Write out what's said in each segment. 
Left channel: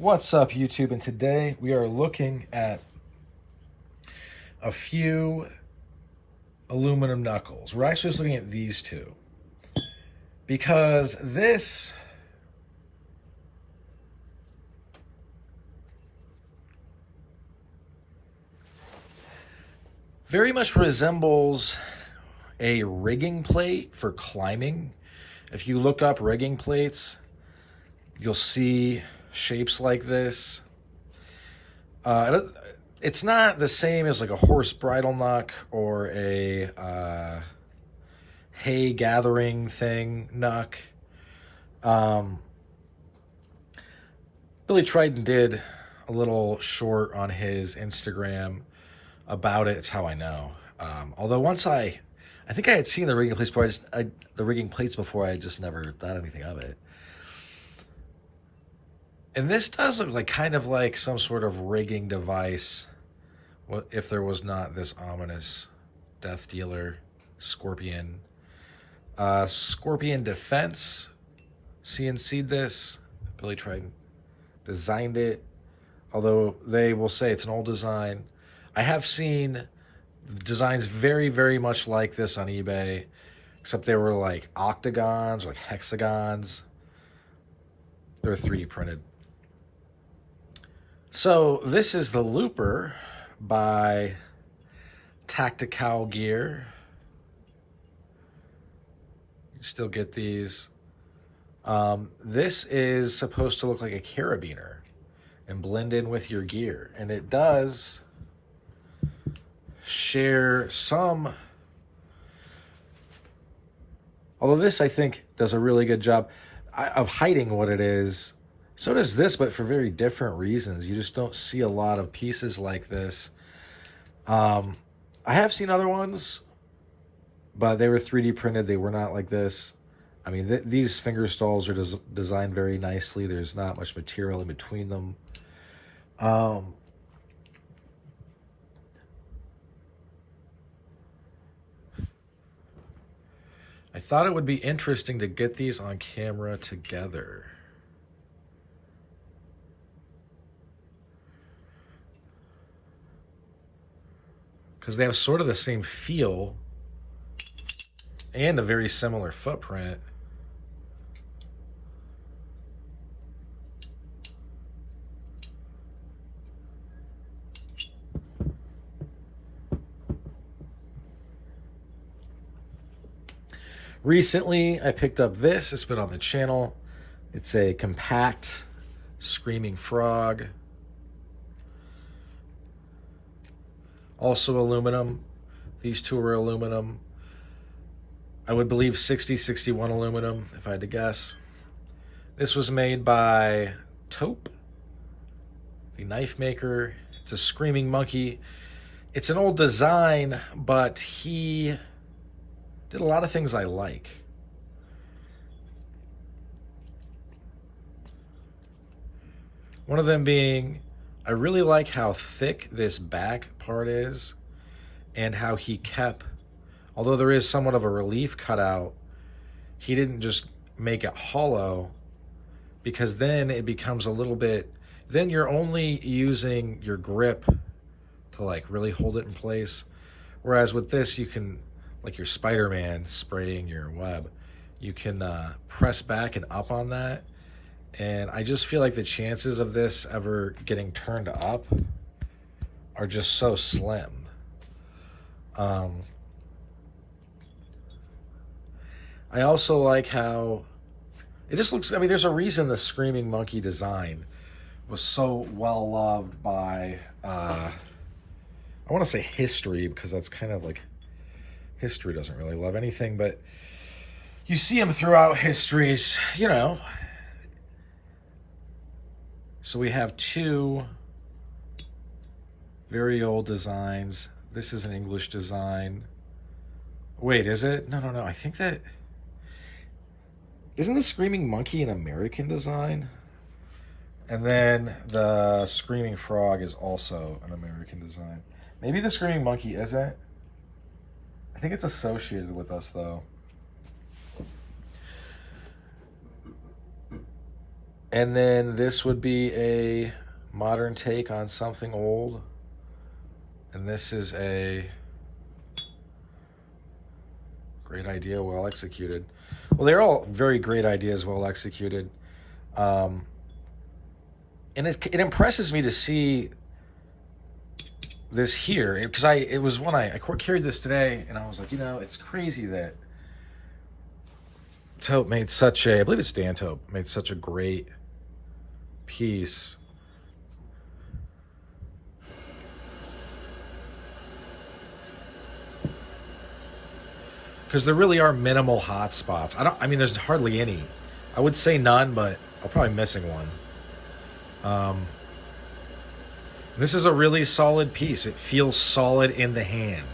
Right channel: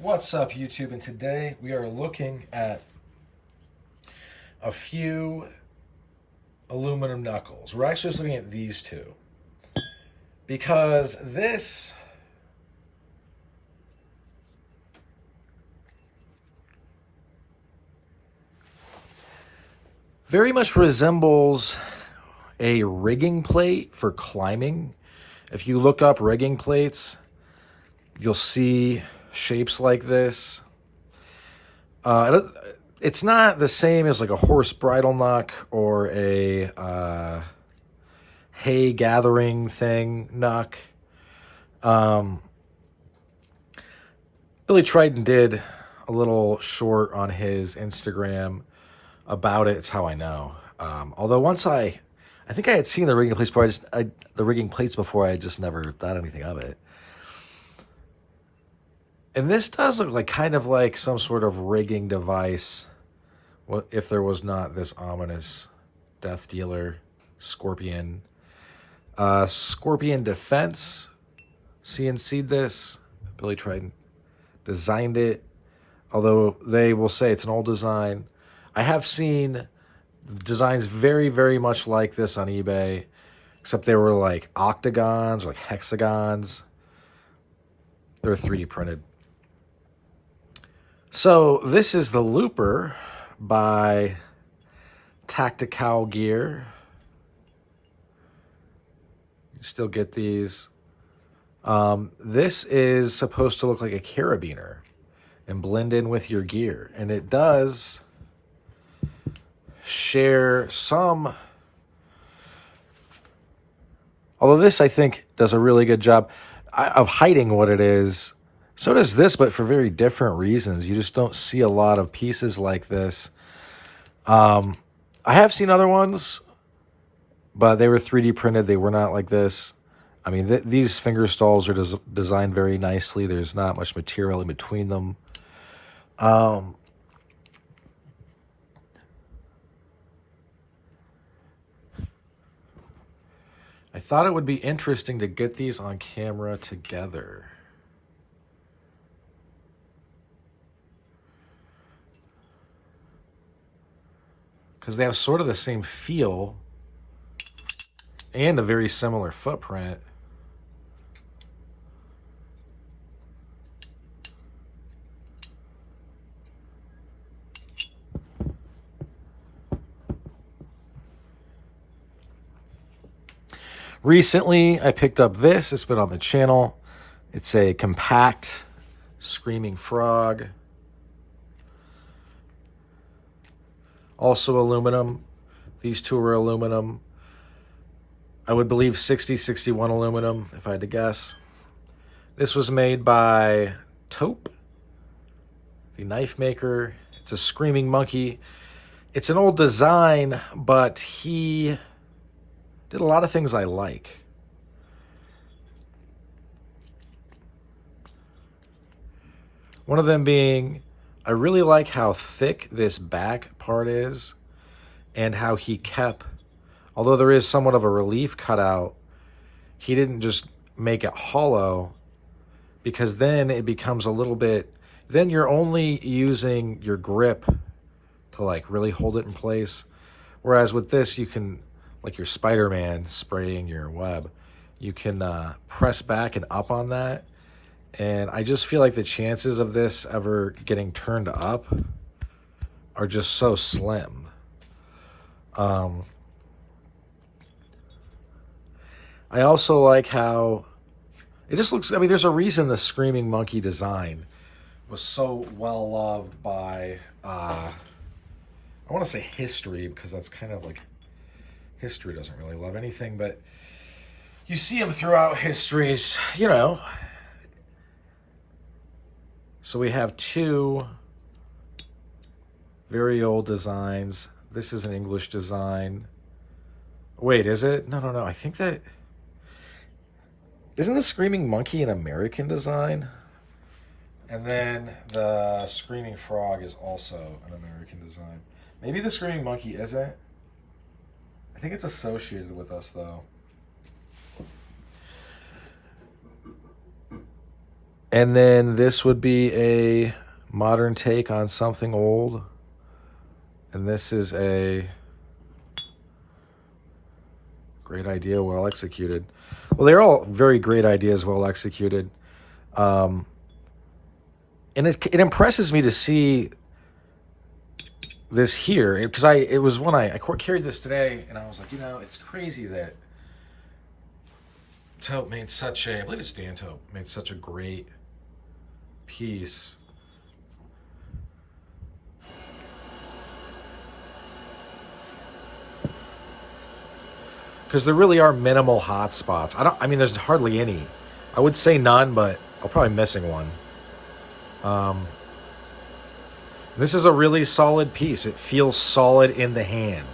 What's up, YouTube? And today we are looking at a few aluminum knuckles. We're actually just looking at these two because this very much resembles a rigging plate for climbing. If you look up rigging plates, you'll see shapes like this. It's not the same as like a horse bridle knuck or a hay gathering thing knuck. Billy Trident did a little short on his Instagram about it. It's how I know. Although once I think I had seen the rigging plates before. The rigging plates before. I just never thought anything of it. And this does look like kind of like some sort of rigging device. What if there was not this ominous death dealer scorpion? Scorpion Defense CNC'd this. Billy Trident designed it. Although they will say it's an old design. I have seen designs very, very much like this on eBay, except they were like octagons or like hexagons. They're 3D printed. So this is the Looper by Tactikowl gear. You still get these. This is supposed to look like a carabiner and blend in with your gear. And it does share some, although this I think does a really good job of hiding what it is. So does this, but for very different reasons. You just don't see a lot of pieces like this. I have seen other ones, but they were 3D printed. They were not like this. I mean, these finger stalls are designed very nicely. There's not much material in between them. I thought it would be interesting to get these on camera together. Because they have sort of the same feel and a very similar footprint. Recently, I picked up this. It's been on the channel. It's a compact screaming frog. Also aluminum. These two are aluminum. I would believe 6061 aluminum, if I had to guess. This was made by Taupe, the knife maker. It's a screaming monkey. It's an old design, but he did a lot of things I like. One of them being, I really like how thick this back part is and how he kept, although there is somewhat of a relief cutout, he didn't just make it hollow, because then it becomes a little bit, then you're only using your grip to like really hold it in place. Whereas with this, you can, like your Spider-Man spraying your web, you can press back and up on that. And I just feel like the chances of this ever getting turned up are just so slim. I also like how it just looks, I mean, there's a reason the Screaming Monkey design was so well loved by, I want to say history, because that's kind of like, history doesn't really love anything, but you see them throughout histories, you know. So we have two very old designs. This is an English design. Wait, is it? No. I think that... Isn't the Screaming Monkey an American design? And then the Screaming Frog is also an American design. Maybe the Screaming Monkey isn't. I think it's associated with us, though. And then this would be a modern take on something old. And this is a great idea, well executed. Well, they're all very great ideas, well executed. And it impresses me to see this here, because it was when I carried this today, and I was like, you know, it's crazy that Taupe made such a, I believe it's Dan Taupe, made such a great piece. Because there really are minimal hot spots. I mean, there's hardly any. I would say none, but I'm probably missing one. This is a really solid piece. It feels solid in the hand.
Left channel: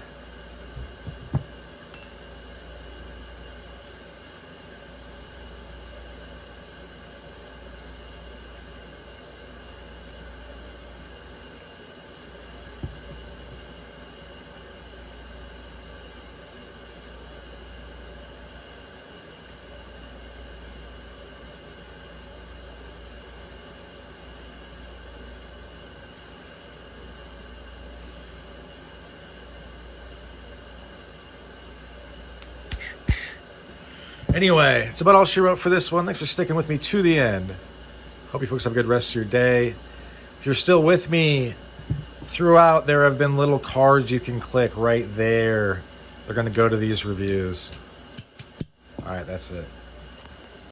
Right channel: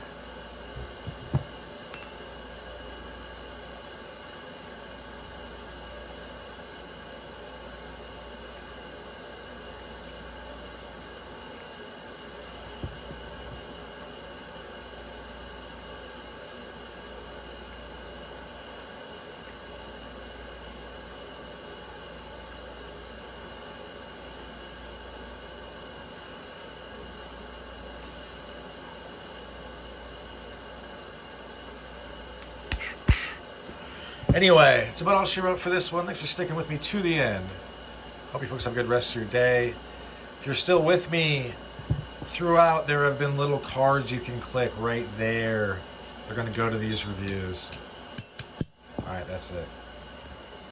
Anyway, it's about all she wrote for this one. Thanks for sticking with me to the end. Hope you folks have a good rest of your day. If you're still with me throughout, there have been little cards you can click right there. They're going to go to these reviews. All right, that's it.